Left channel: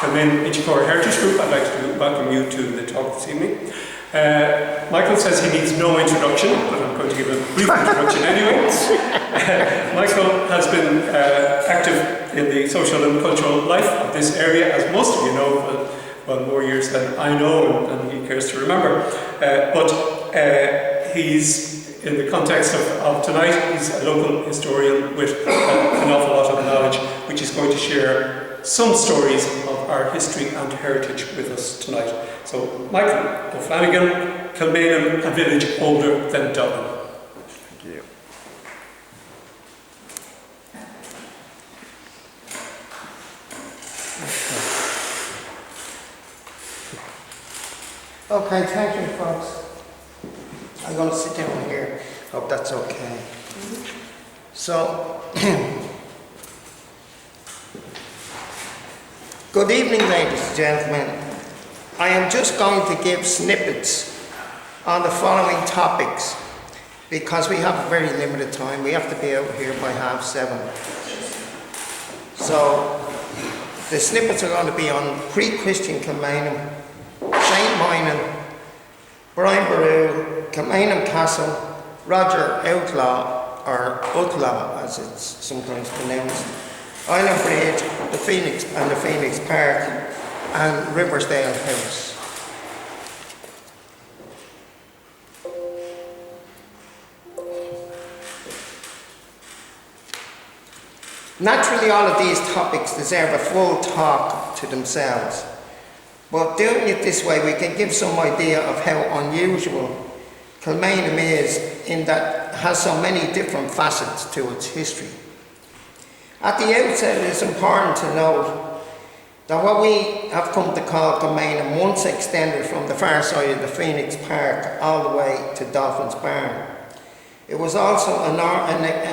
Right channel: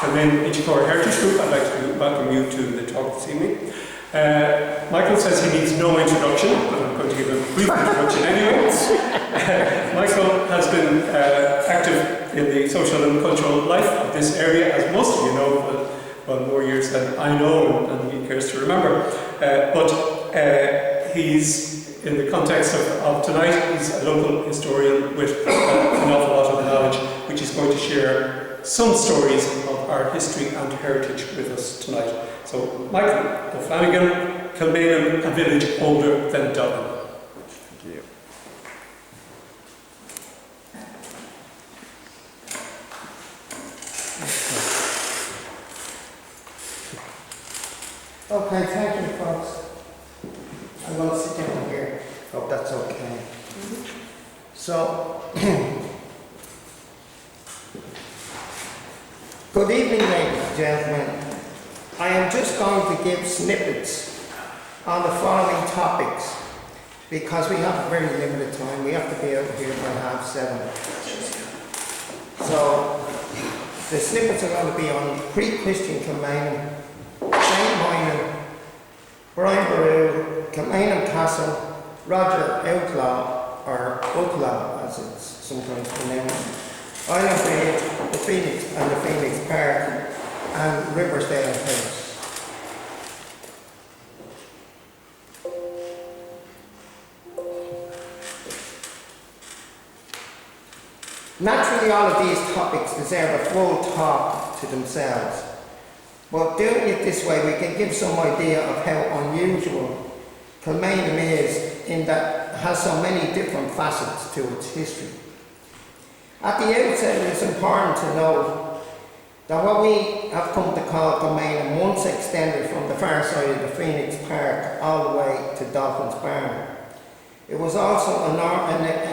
Kilmainham Inchicore Heritage Group, I'd like to welcome you to the talk this evening. Michael says he needs no introduction, but I'm going to give a brief introduction anyway. Michael has been active in the social and cultural life of this area, as most of you know, well, more years than I know and he cares to remember. But he's, in the context of tonight, he's a local historian with an awful lot of knowledge, which is going to share some stories of our history and heritage with us tonight. So, Michael O'Flanagan, Kilmainham, a village older than Dublin. Thank you. Okay, thank you, folks. I'm going to sit down here. Hope that's okay. So, good evening, ladies and gentlemen. I am just going to give snippets on the following topics because we have a very limited time. We have to be out here by 7:30. So, the snippets are going to be on pre-Christian Kilmainham, St. Moynan, Brian Boru, Kilmainham Castle, Roger Outlaw, or Outlaw as it's sometimes pronounced, Island Bridge, the Phoenix Park, and Riversdale House. Naturally, all of these topics deserve a full talk to themselves, but doing it this way we can give some idea of how unusual Kilmainham is in that it has so many different facets to its history. At the outset, it is important to note that what we have come to call Kilmainham once extended from the far side of the Phoenix Park all the way to Dolphin's Barn. It was also an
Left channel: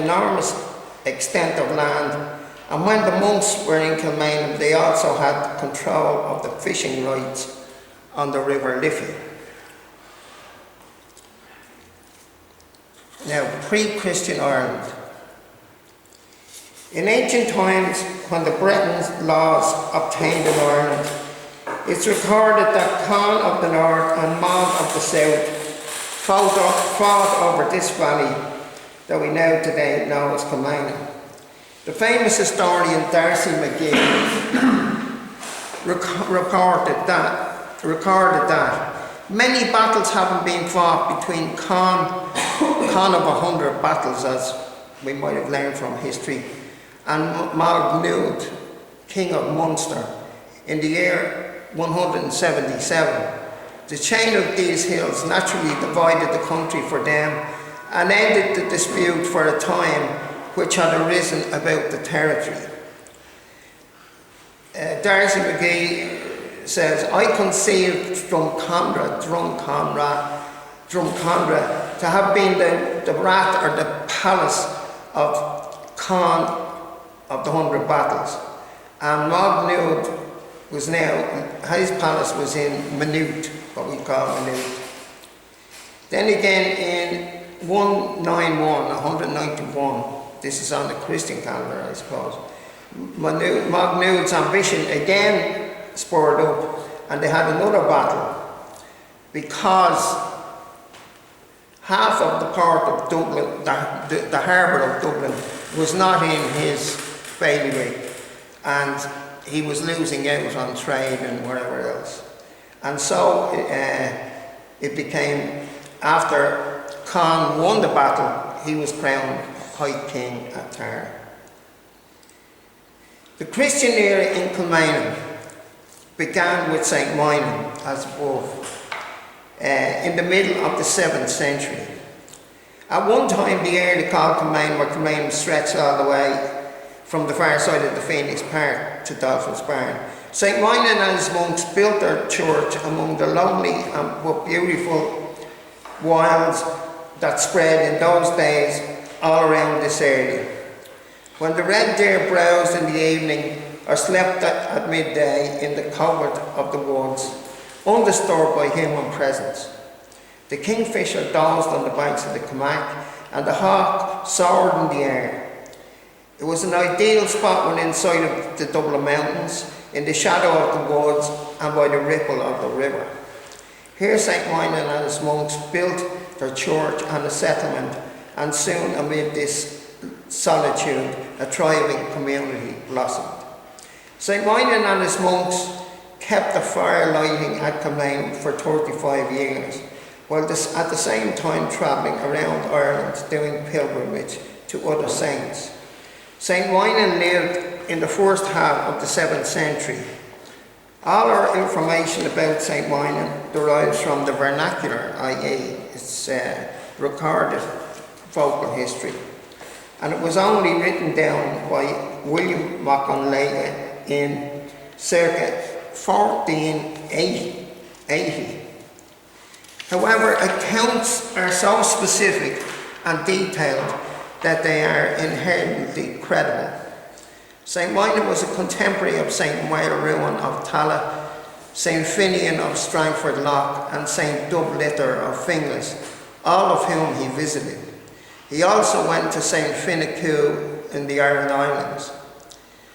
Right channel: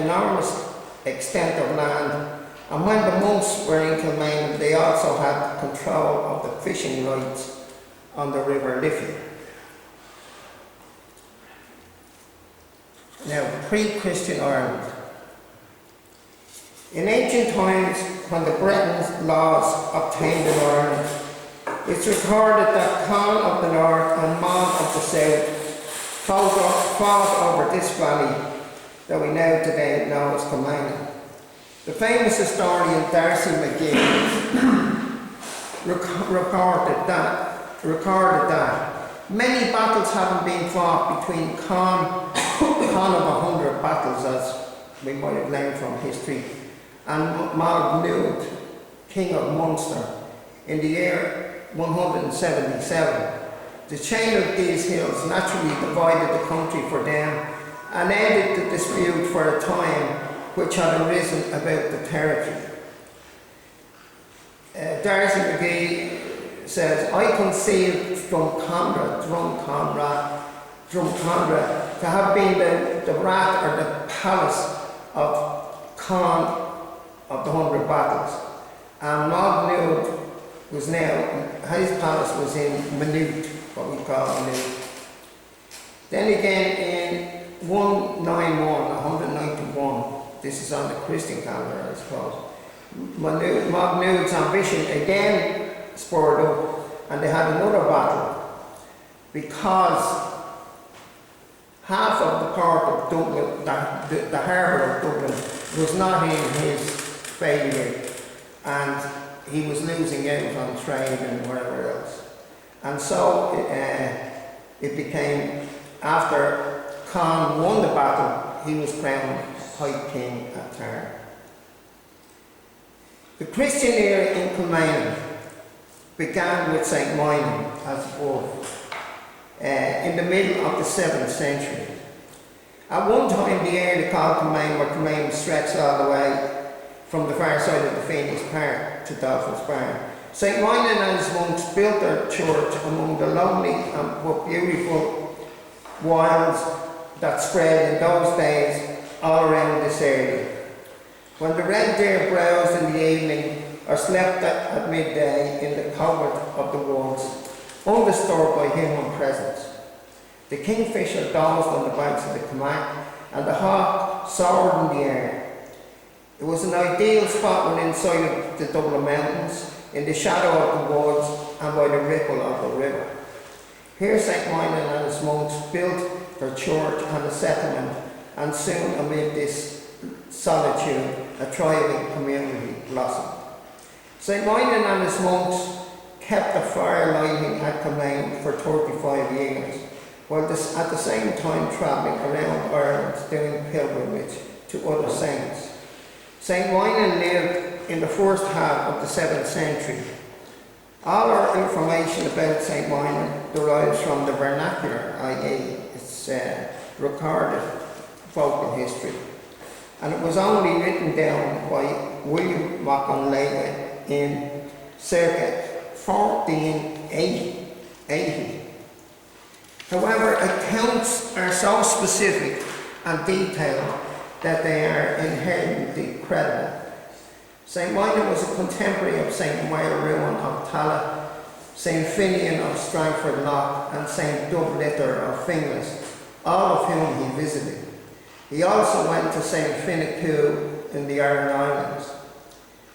enormous extent of land, and when the monks were in Kilmainham, they also had control of the fishing rights on the River Liffey. Now, pre-Christian Ireland. In ancient times, when the Bretons' laws obtained in Ireland, it's recorded that Conn of the north and Maud of the south fought over this valley that we now today know as Kilmainham. The famous historian Darcy McGee recorded that many battles haven't been fought between Conn of 100 battles, as we might have learned from history, and Magnud, king of Munster, in the year 177. The chain of these hills naturally divided the country for them and ended the dispute for a time which had arisen about the territory. Darcy McGee says, I conceived Drumcondra to have been the rat or the palace of Conn of the 100 battles, and Magnud was now, his palace was in Minute, what we call Minute. Then again in 191, this is on the Christian calendar I suppose, Magnud's ambition again spurred up and they had another battle because half of the port of Dublin, the harbour of Dublin, was not in his bailiwick and he was losing out on trade and whatever else. And so it became, after Conn won the battle, he was crowned High King at Tara. The Christian era in Kilmainham began with St. Moynan, as above, in the middle of the 7th century. At one time, the area called Kilmainham or Kilmainham stretched all the way from the far side of the Phoenix Park to Dolphin's Barn. St. Moynan and his monks built their church among the lonely but beautiful wilds that spread in those days all around this area. When the red deer browsed in the evening or slept at midday in the covert of the woods, undisturbed by human presence, the kingfisher dozed on the banks of the Kilmainham and the hawk soared in the air. It was an ideal spot when inside of the Dublin Mountains, in the shadow of the woods and by the ripple of the river. Here St. Moynihan and his monks built their church and a settlement, and soon amid this solitude a thriving community blossomed. St. Moynihan and his monks kept the fire lighting at Kilmainham for 35 years, while at the same time travelling around Ireland doing pilgrimage to other saints. St. Moynihan lived in the first half of the 7th century. All our information about St. Moynihan derives from the vernacular, i.e. its recorded vocal history, and it was only written down by William Macon in circa 1480. However, accounts are so specific and detailed that they are inherently credible. St. Moynihan was a contemporary of St. Mairuan of Tala, St. Finian of Strangford Lough, and St. Dubliter of Finglas, all of whom he visited. He also went to St. Finnecue in the Aran Islands.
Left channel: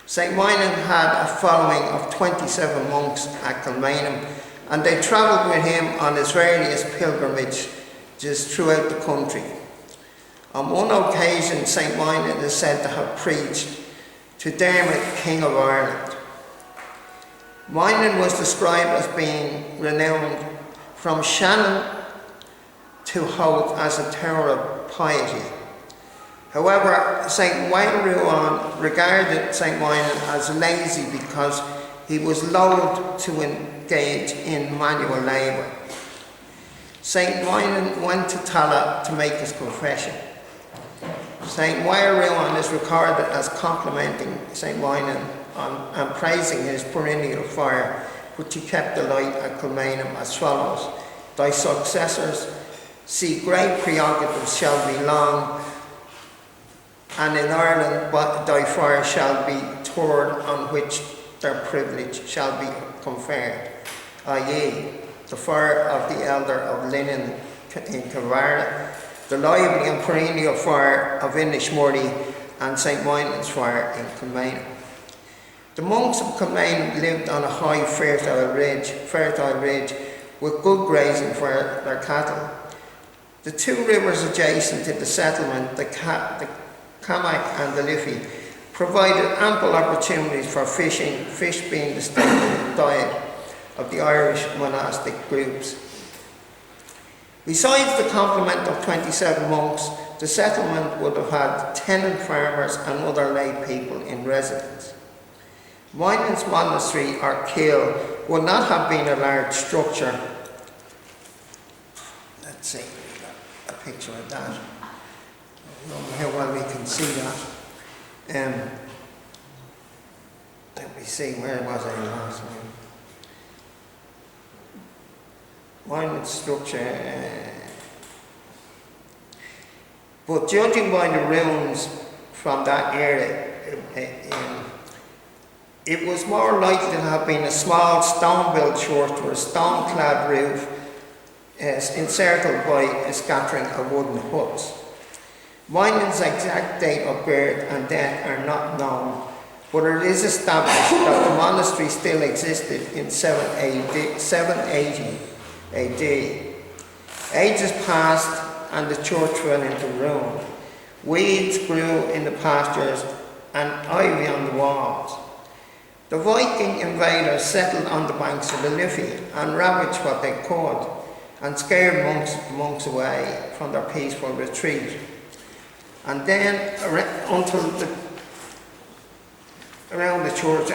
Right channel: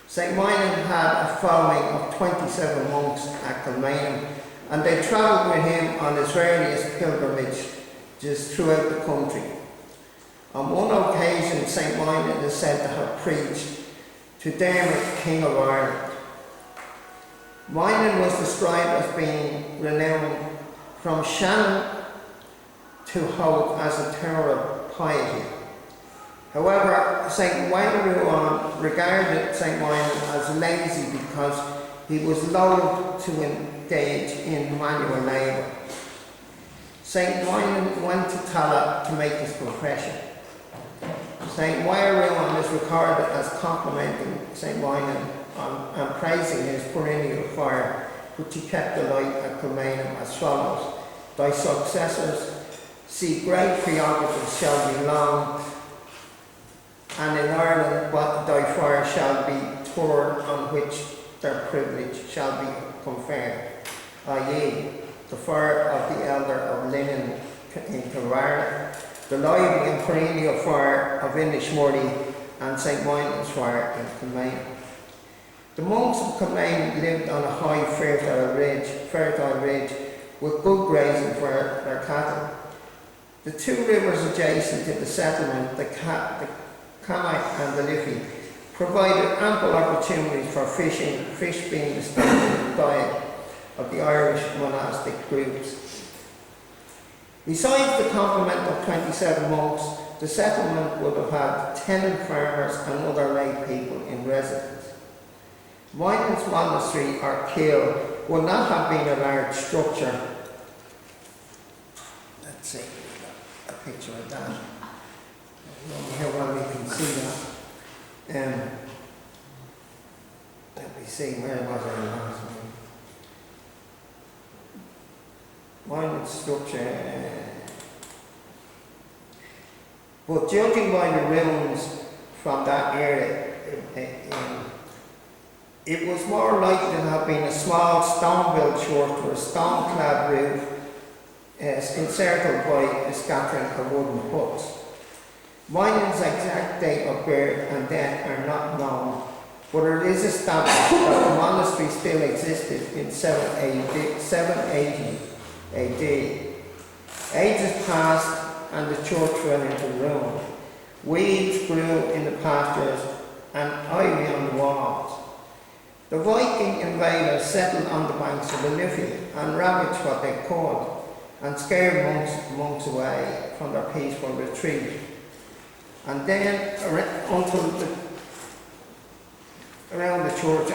St. Moynihan had a following of 27 monks at Kilmainham, and they travelled with him on his various pilgrimages throughout the country. On one occasion, St. Moynihan is said to have preached to Dermot, King of Ireland. Moynihan was described as being renowned from Shannon to Howth as a tower of piety. However, St. Mairuan regarded St. Moynihan as lazy because he was loath to engage in manual labour. St. Moynihan went to Tala to make his confession. St. Mairuan is recorded as complimenting St. Moynihan and praising his perennial fire, which he kept alight at Kilmainham as follows: "Thy successors see great prerogatives shall be long, and in Ireland but thy fire shall be turned on which their privilege shall be conferred," i.e. the fire of the elder of Linen in Kilvarna, the lively and perennial fire of Inishmurray, and St. Moynihan's fire in Kilmainham. The monks of Kilmainham lived on a high fertile ridge with good grazing for their cattle. The two rivers adjacent to the settlement, the Camach and the Liffey, provided ample opportunities for fishing, fish being the staple diet of the Irish monastic groups. Besides the complement of 27 monks, the settlement would have had tenant farmers and other lay people in residence. Moynihan's monastery or kill would not have been a large structure. Let's see, a picture of that. I don't know how well we can see that. Let me see, where was I last time? Moynihan's structure. But judging by the ruins from that era, it was more likely to have been a small stone-built church with a stone-clad roof encircled by a scattering of wooden huts. Moynihan's exact date of birth and death are not known, but it is established that the monastery still existed in 780 AD. Ages passed and the church fell into ruin. Weeds grew in the pastures and ivy on the walls. The Viking invaders settled on the banks of the Liffey and ravaged what they could and scared monks away from their peaceful retreat. And then around the church,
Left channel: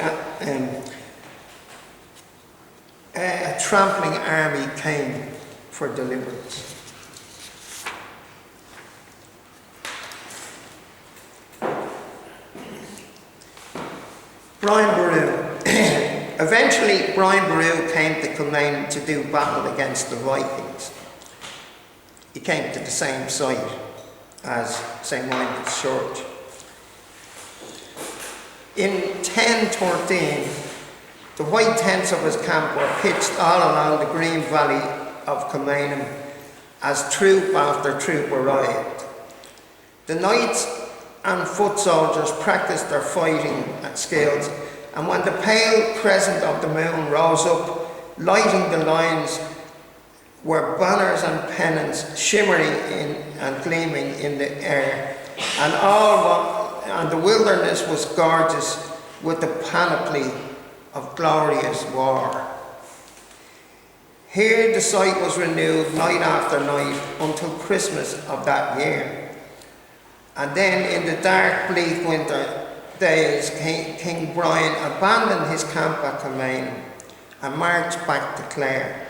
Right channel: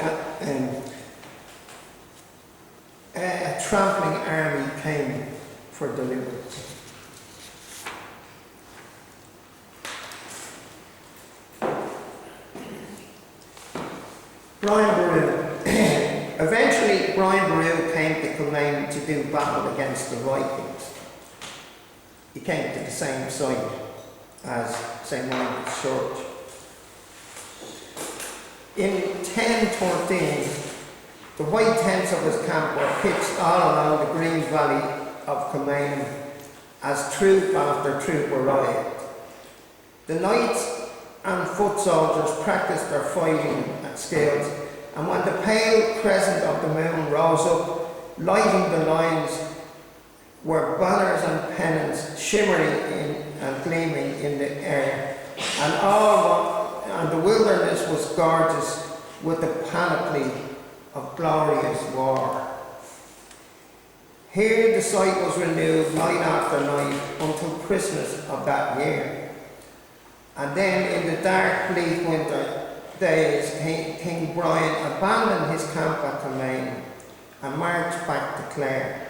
a trampling army came for deliverance. Brian Boru. Eventually, Brian Boru came to Kilmainham to do battle against the Vikings. He came to the same site as St. Moynihan's Church. In 1013, the white tents of his camp were pitched all along the green valley of Kilmainham as troop after troop arrived. The knights and foot soldiers practiced their fighting skills And when the pale crescent of the moon rose up, lighting the lines were banners and pennants shimmering and gleaming in the air, and the wilderness was gorgeous with the panoply of glorious war. Here the sight was renewed night after night until Christmas of that year. And then in the dark, bleak winter days, King Brian abandoned his camp at Kilmainham and marched back to Clare.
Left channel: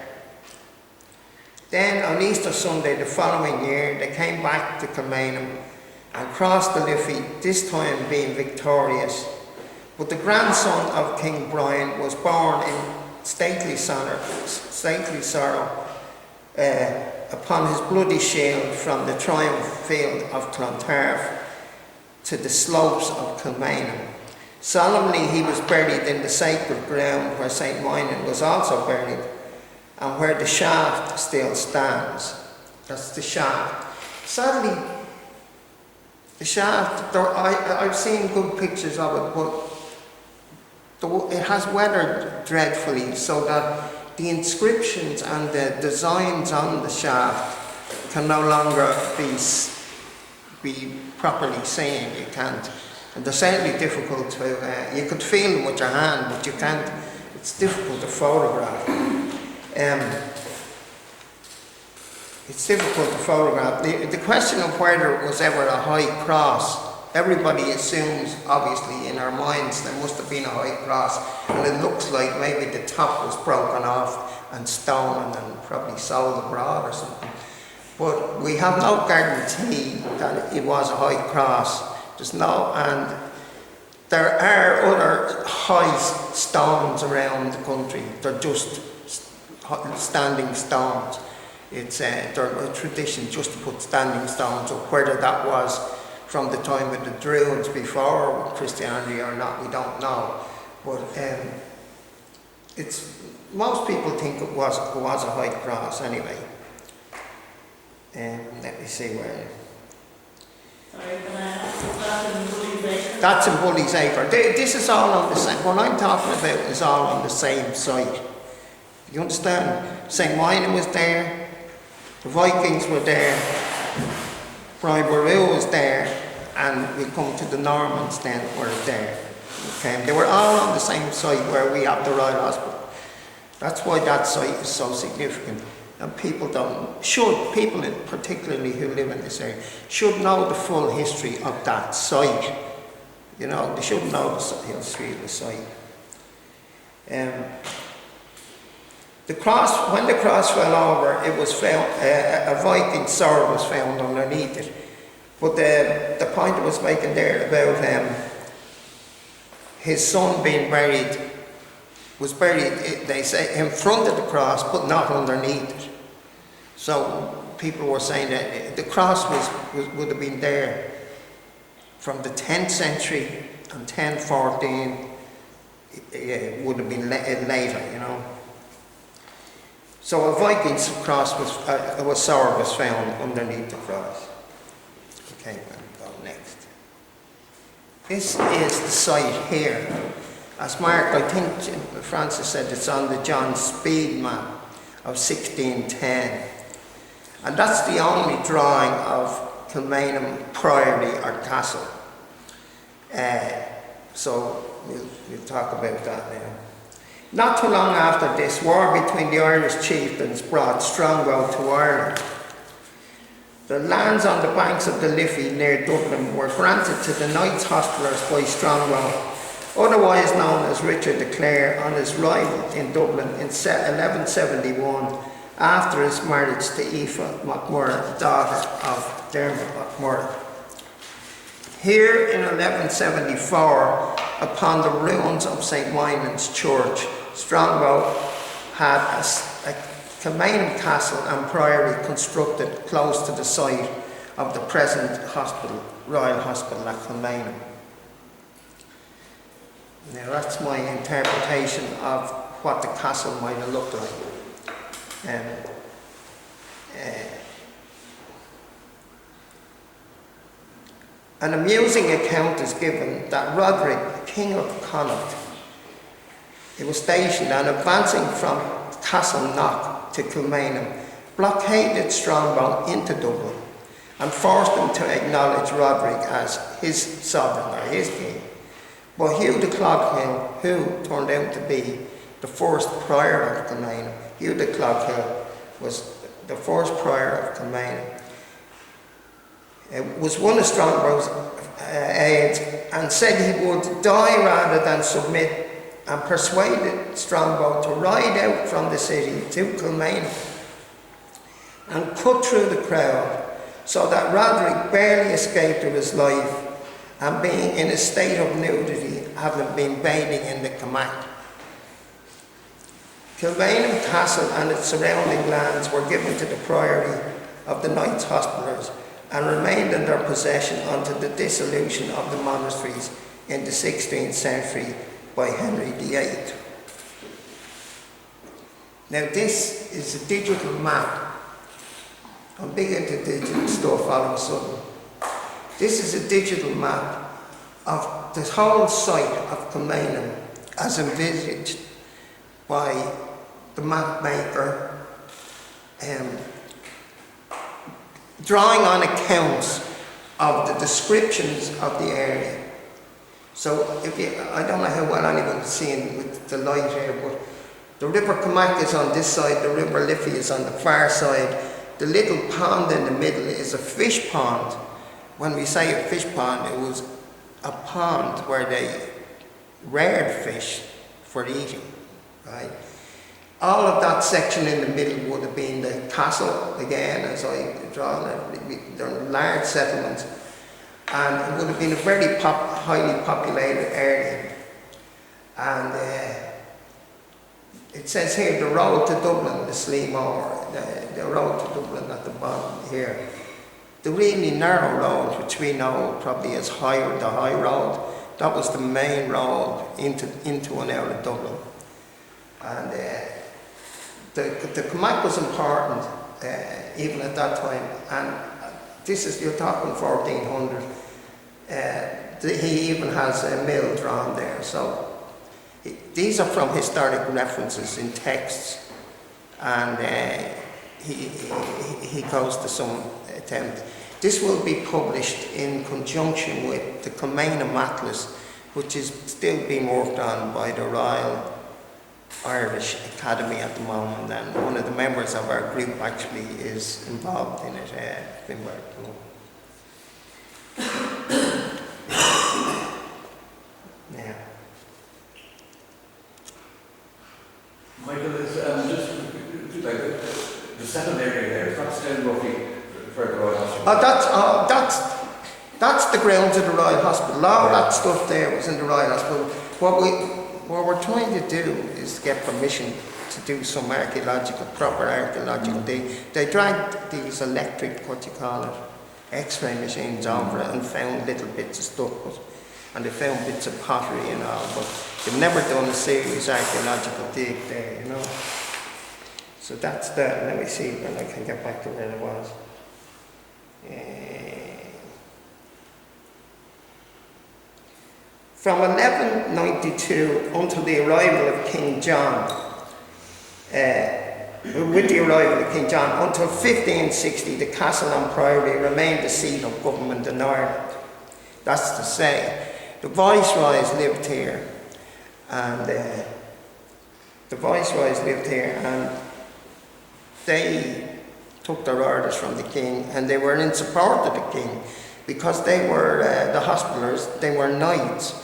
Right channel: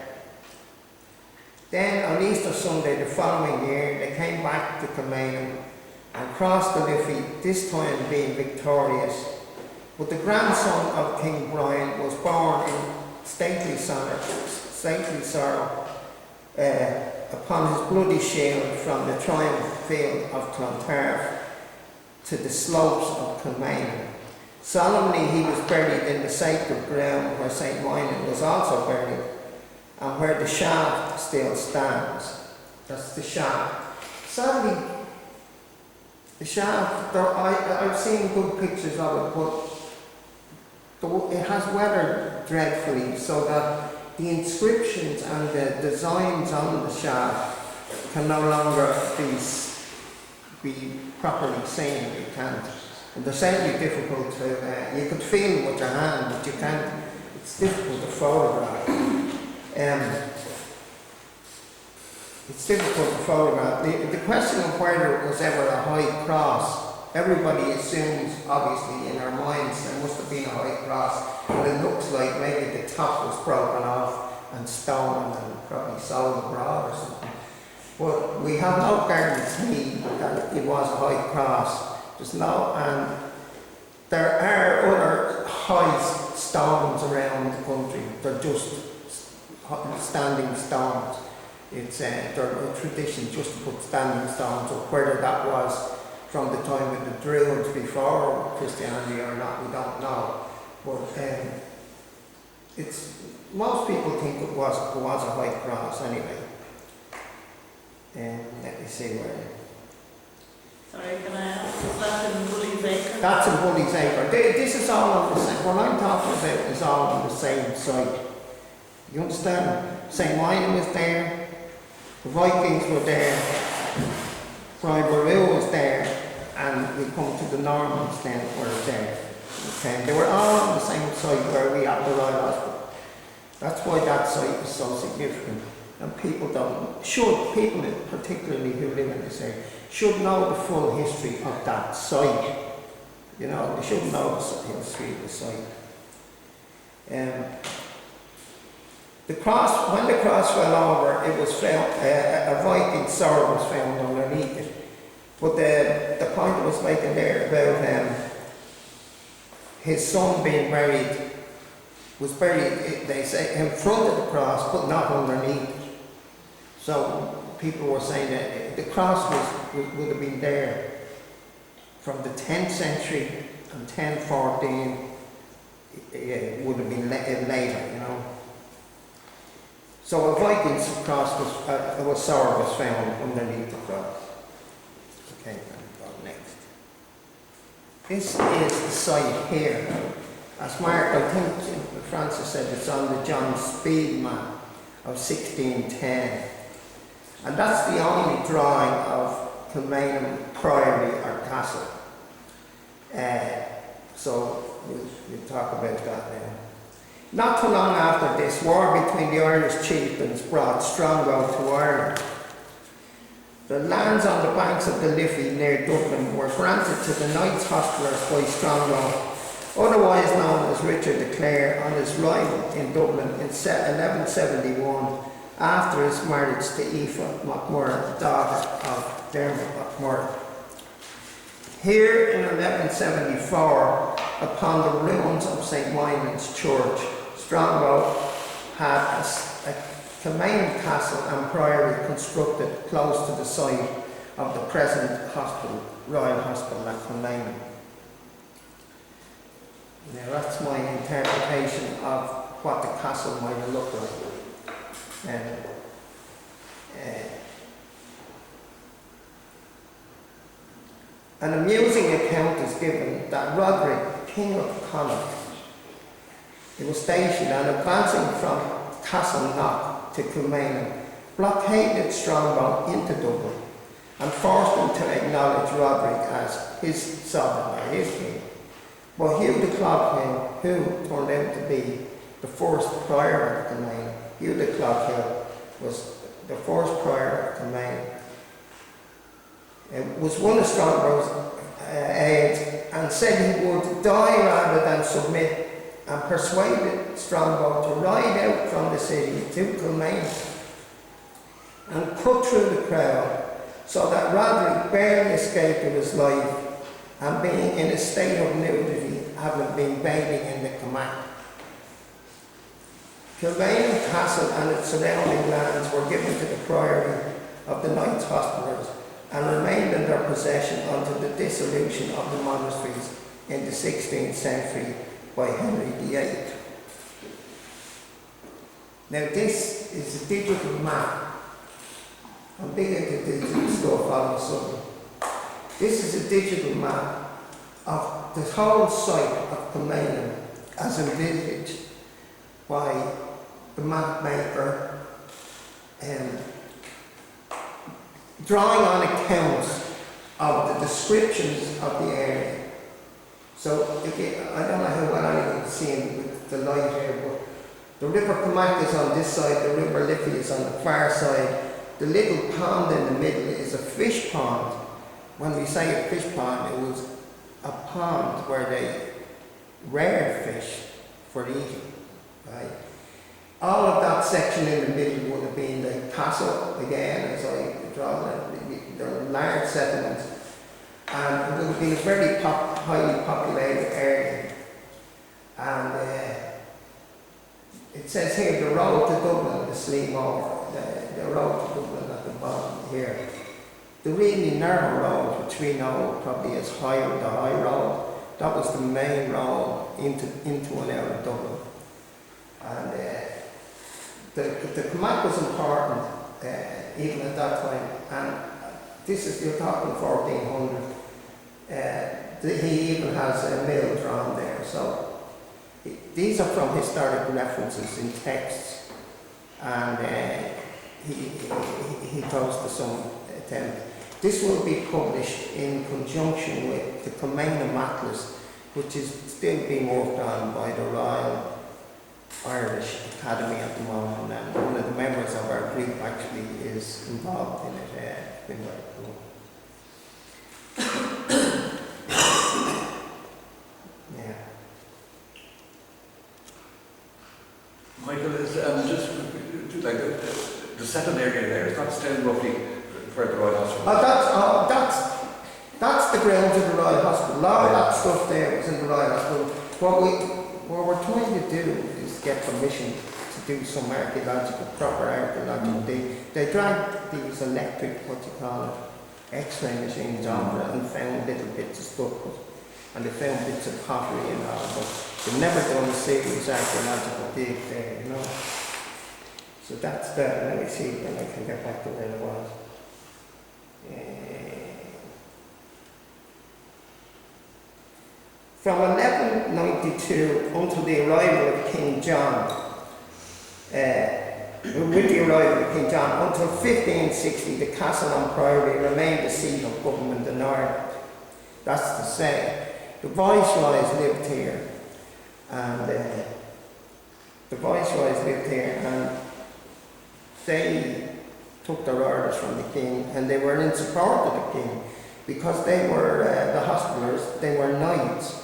Then on Easter Sunday the following year, they came back to Kilmainham and crossed the Liffey, this time being victorious. But the grandson of King Brian was born in stately sorrow upon his bloody shield from the triumph field of Clontarf to the slopes of Kilmainham. Solemnly he was buried in the sacred ground where St. Moynihan was also buried, and where the shaft still stands. That's the shaft. Sadly, the shaft, I've seen good pictures of it, but it has weathered dreadfully, so that the inscriptions and the designs on the shaft can no longer be properly seen. You can't. And they're certainly difficult to, you could feel them with your hand, but you can't, it's difficult to photograph. It's difficult to photograph. The question of whether it was ever a high cross, everybody assumes, obviously, in our minds there must have been a high cross, and it looks like maybe the top was broken off and stolen and probably sold abroad or something. But we have no guarantee that it was a high cross. There's no, and there are other high stones around the country. They're just standing stones. It's a tradition just to put standing stones up. Whether that was from the time of the Druids before Christianity or not, we don't know. But most people think it was a high cross anyway. Let me see where. Sorry, can I ask, is that in Bully's Acre? That's in Bully's Acre. This is all on the same, what I'm talking about is all on the same site. You understand? St. Moynihan was there, the Vikings were there, Brian Boru was there, and we come to the Normans then were there. Okay? They were all on the same site where we have the Royal Hospital. That's why that site is so significant. And people particularly who live in this area, should know the full history of that site. You know, they should know the history of the site. The cross, when the cross fell over, it was found, a Viking sword was found underneath it. But the point I was making there about his son being buried, was buried, they say, in front of the cross, but not underneath it. So people were saying that the cross would have been there from the 10th century, and 1014 would have been later, you know. So a Viking's cross sword was found underneath the cross. Okay, we'll go next. This is the site here. As Mark, I think Francis said, it's on the John Speed map of 1610. And that's the only drawing of Kilmainham Priory or Castle. So we'll talk about that now. Not too long after this, war between the Irish chieftains brought Strongbow to Ireland. The lands on the banks of the Liffey near Dublin were granted to the Knights Hospitallers by Strongbow, otherwise known as Richard de Clare, on his arrival in Dublin in 1171, after his marriage to Aoife MacMurrough, daughter of Dermot MacMurrough. Here in 1174, upon the ruins of St. Moynihan's Church, Strongbow had a Kilmainham Castle and Priory constructed close to the site of the present hospital, Royal Hospital at Kilmainham. Now that's my interpretation of what the castle might have looked like. An amusing account is given that Roderick, King of Connaught, It was stationed and advancing from Castleknock to Kilmainham, blockaded Strongbow into Dublin and forced him to acknowledge Roderick as his sovereign or his king. But Hugh de Cloghill, who turned out to be the first prior of Kilmainham, Hugh de Cloghill was the first prior of Kilmainham, was one of Strongbow's aides and said he would die rather than submit, and persuaded Strongbow to ride out from the city to Kilmainham and cut through the crowd so that Roderick barely escaped with his life, and being in a state of nudity, having been bathing in the Kilmainham. Kilmainham Castle and its surrounding lands were given to the priory of the Knights Hospitallers and remained in their possession until the dissolution of the monasteries in the 16th century by Henry VIII. Now this is a digital map. I'm big into digital stuff all of a sudden. This is a digital map of the whole site of Kilmainham as envisaged by the map maker, drawing on accounts of the descriptions of the area. So if you, I don't know how well anyone can see with the light here, but the River Kilmac is on this side, the River Liffey is on the far side. The little pond in the middle is a fish pond. When we say a fish pond, it was a pond where they reared fish for eating, right? All of that section in the middle would have been the castle, again, as I draw it. They're large settlements. And it would have been a very highly populated area. And it says here, the road to Dublin, the Sligo, the road to Dublin at the bottom here. The really narrow road, which we know probably as the High Road, that was the main road into and out of Dublin. And the Kilmac was important even at that time. And this is, you're talking 1400. He even has a mill drawn there. So these are from historic references in texts, and he goes to some attempt. This will be published in conjunction with the Kilmainham Atlas, which is still being worked on by the Royal Irish Academy at the moment, and one of the members of our group actually is involved in it. Been working on. Yeah. Michael, is just like the second area there, is that still roughly where the Royal Hospital? That's the grounds of the Royal Hospital. All that stuff there was in the Royal Hospital. What we're trying to do is to get permission to do some proper archaeological. They dragged these electric, what you call it, X-ray machines over it and found little bits of stuff, and they found bits of pottery and all, but they've never done a serious archaeological dig there, you know. So that's that. Let me see when I can get back to where it was. From 1192 until the arrival of King John, with the arrival of King John, until 1560, the castle and priory remained the seat of government in Ireland. That's to say, the viceroys lived here, and they took their orders from the king, and they were in support of the king because they were the hospitallers. They were knights.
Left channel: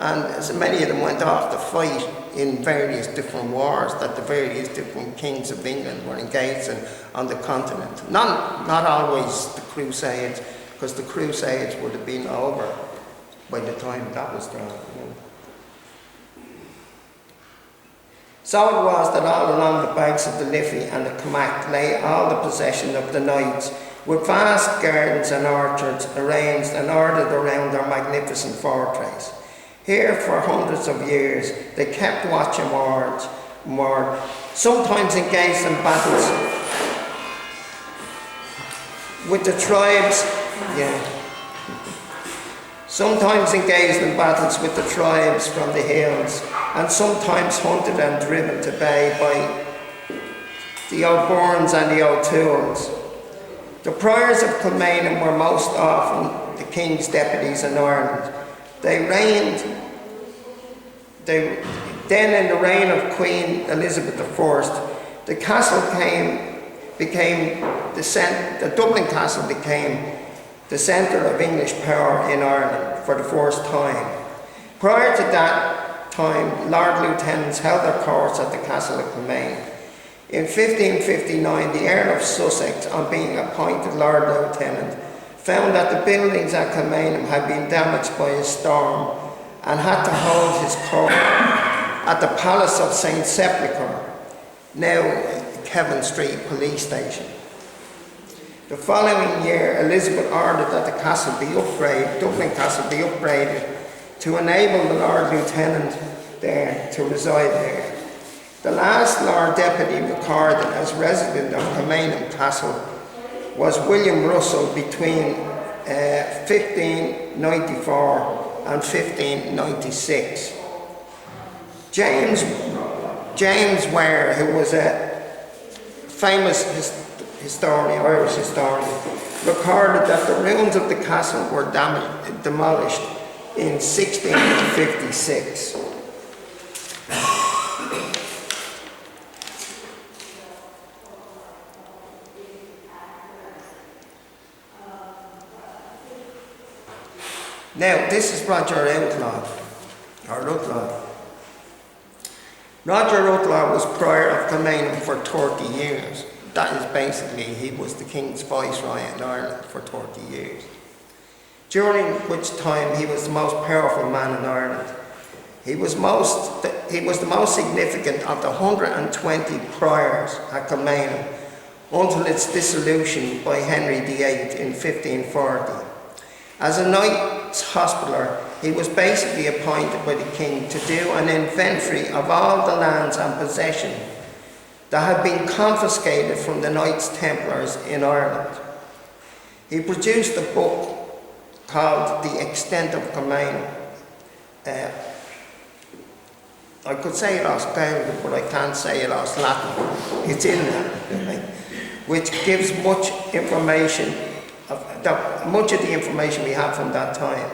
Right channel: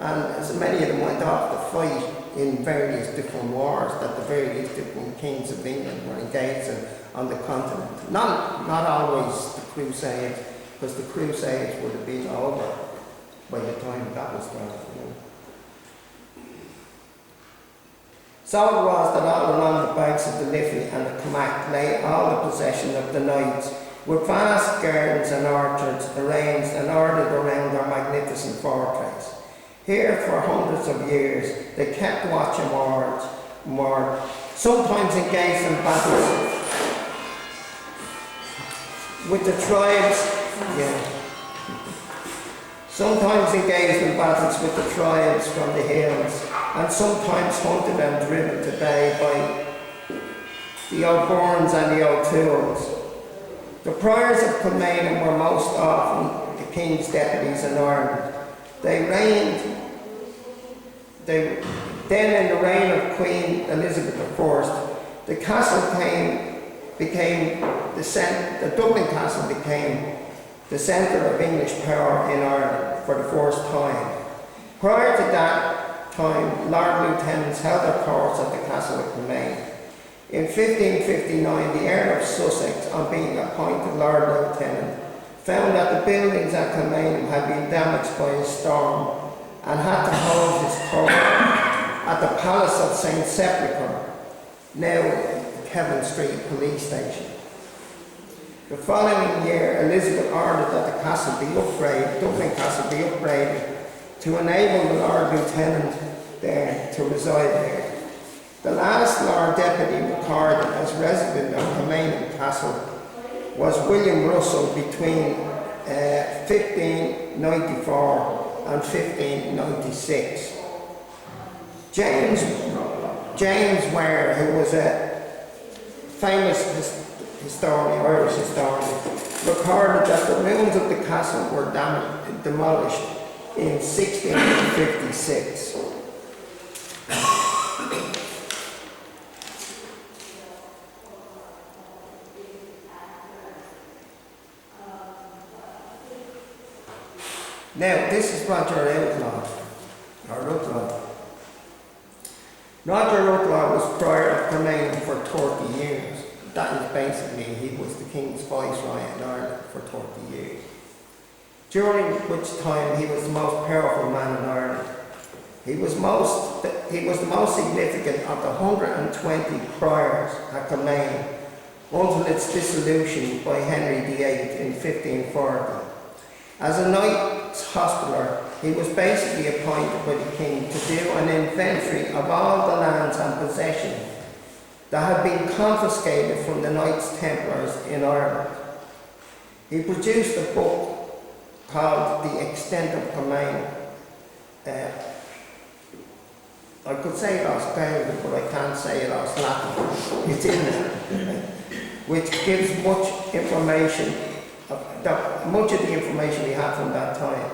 And as many of them went off to fight in various different wars that the various different kings of England were engaged in on the continent. Not always the Crusades, because the Crusades would have been over by the time that was done. You know. So it was that all along the banks of the Liffey and the Kilmac lay all the possession of the knights, with vast gardens and orchards arranged and ordered around their magnificent fortress. Here, for hundreds of years, they kept watch and ward, sometimes engaged in battles with the tribes. Yeah. sometimes engaged in battles with the tribes from the hills, and sometimes hunted and driven to bay by the O'Byrnes and the O'Tooles. The priors of Kilmainham were most often the king's deputies in Ireland. Then in the reign of Queen Elizabeth I, the Dublin Castle became the centre of English power in Ireland for the first time. Prior to that time, Lord Lieutenants held their courts at the Castle of Kilmainham. In 1559, the Earl of Sussex, on being appointed Lord Lieutenant, found that the buildings at Kilmainham had been damaged by a storm and had to hold his court at the Palace of St. Sepulchre, now Kevin Street Police Station. The following year, Elizabeth ordered that the castle be upgraded, Dublin Castle be upgraded to enable the Lord Lieutenant there to reside there. The last Lord Deputy recorded as resident of Kilmainham Castle was William Russell between 1594 and 1596. James Ware, who was a famous historian, Irish historian, recorded that the ruins of the castle were demolished in 1656. Now, this is Roger Outlaw, or Rutlaw. Roger Rutlaw was prior of Kilmainham for 30 years. That is basically, he was the King's Viceroy in Ireland for 30 years. During which time he was the most powerful man in Ireland. He was the most significant of the 120 priors at Kilmainham until its dissolution by Henry VIII in 1540. As a Knights Hospitaller, he was basically appointed by the King to do an inventory of all the lands and possessions that had been confiscated from the Knights Templars in Ireland. He produced a book called The Extent of Kilmainham. I could say it as Gaelic, but I can't say it as Latin. It's in there, which gives much information, much of the information we have from that time.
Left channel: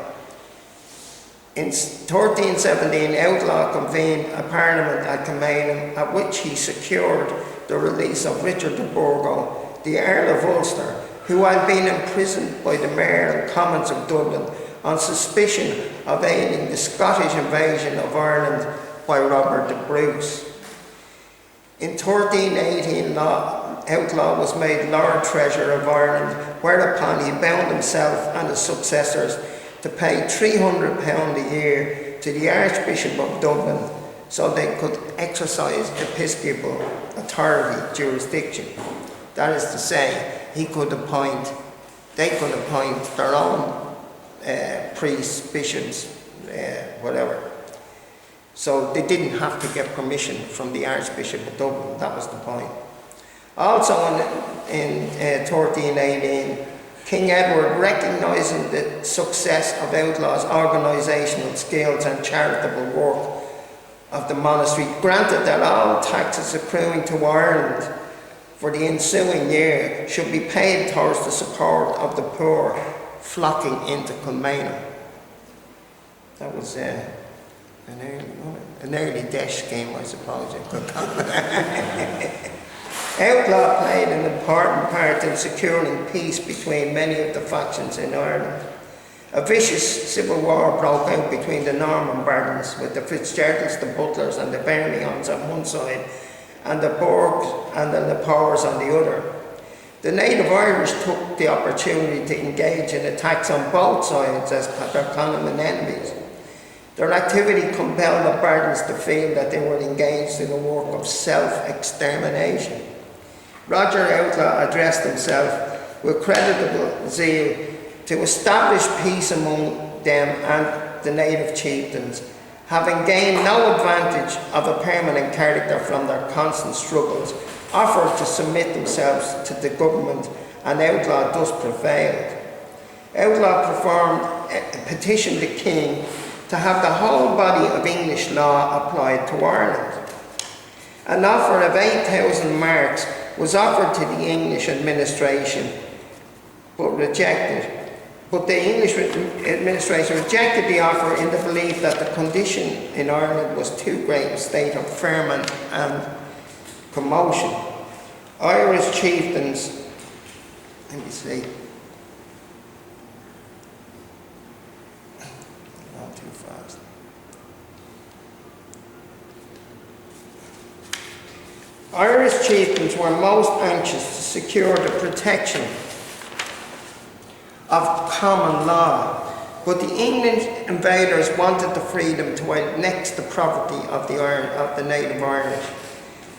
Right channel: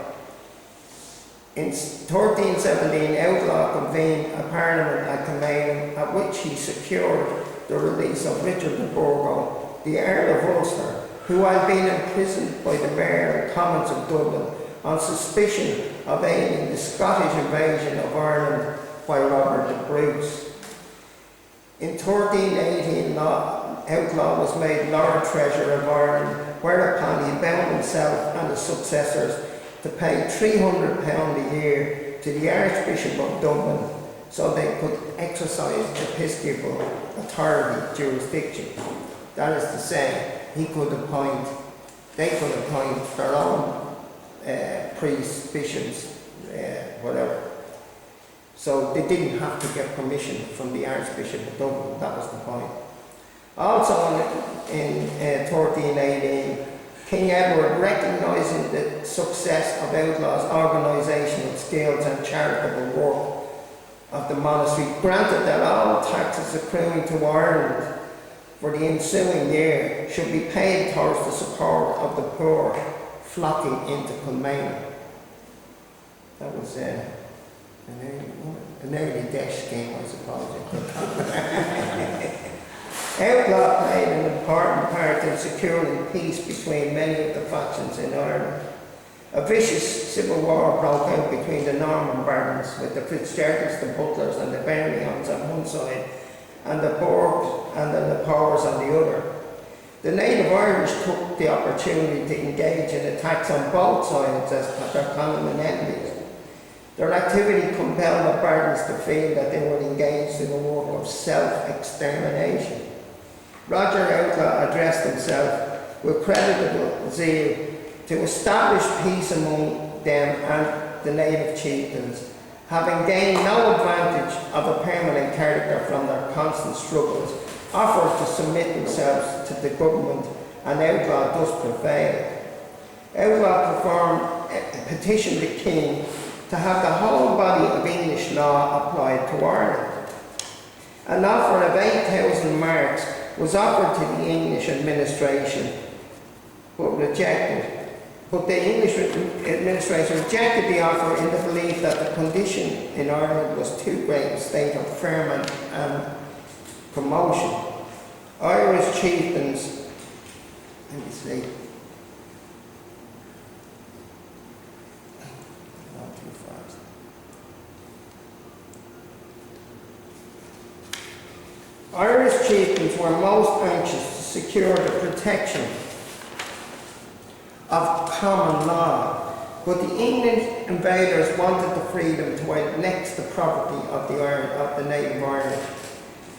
In 1317, Outlaw convened a parliament at Kilmainham, at which he secured the release of Richard de Burgo, the Earl of Ulster, who had been imprisoned by the Mayor and Commons of Dublin on suspicion of aiding the Scottish invasion of Ireland by Robert the Bruce. In 1318, Outlaw was made Lord Treasurer of Ireland, whereupon he bound himself and his successors to pay £300 a year to the Archbishop of Dublin so they could exercise episcopal authority jurisdiction. That is to say, they could appoint their own priests, bishops, whatever. So they didn't have to get permission from the Archbishop of Dublin. That was the point. Also in 1318, King Edward, recognising the success of Outlaw's organisational skills and charitable work of the monastery, granted that all taxes accruing to Ireland for the ensuing year should be paid towards the support of the poor flocking into Kilmainham. That was an early death scheme, I suppose you could call it. Outlaw played an important part in securing peace between many of the factions in Ireland. A vicious civil war broke out between the Norman barons, with the Fitzgeralds, the Butlers and the Bernions on one side, and the Burghs and the Lepores on the other. The native Irish took the opportunity to engage in attacks on both sides as their common enemies. Their activity compelled the barons to feel that they were engaged in a work of self-extermination. Roger Outlaw addressed himself with creditable zeal to establish peace among them and the native chieftains, having gained no advantage of a permanent character from their constant struggles, offered to submit themselves to the government, and Outlaw thus prevailed. Outlaw performed petitioned the king to have the whole body of English law applied to Ireland. An offer of 8,000 marks was offered to the English administration, but rejected. But the English administration rejected the offer in the belief that the condition in Ireland was too great a state of ferment and commotion. Irish chieftains, let me see, not too fast. Irish chieftains were most anxious to secure the protection of common law, but the English invaders wanted the freedom to annex the property of the native Irish.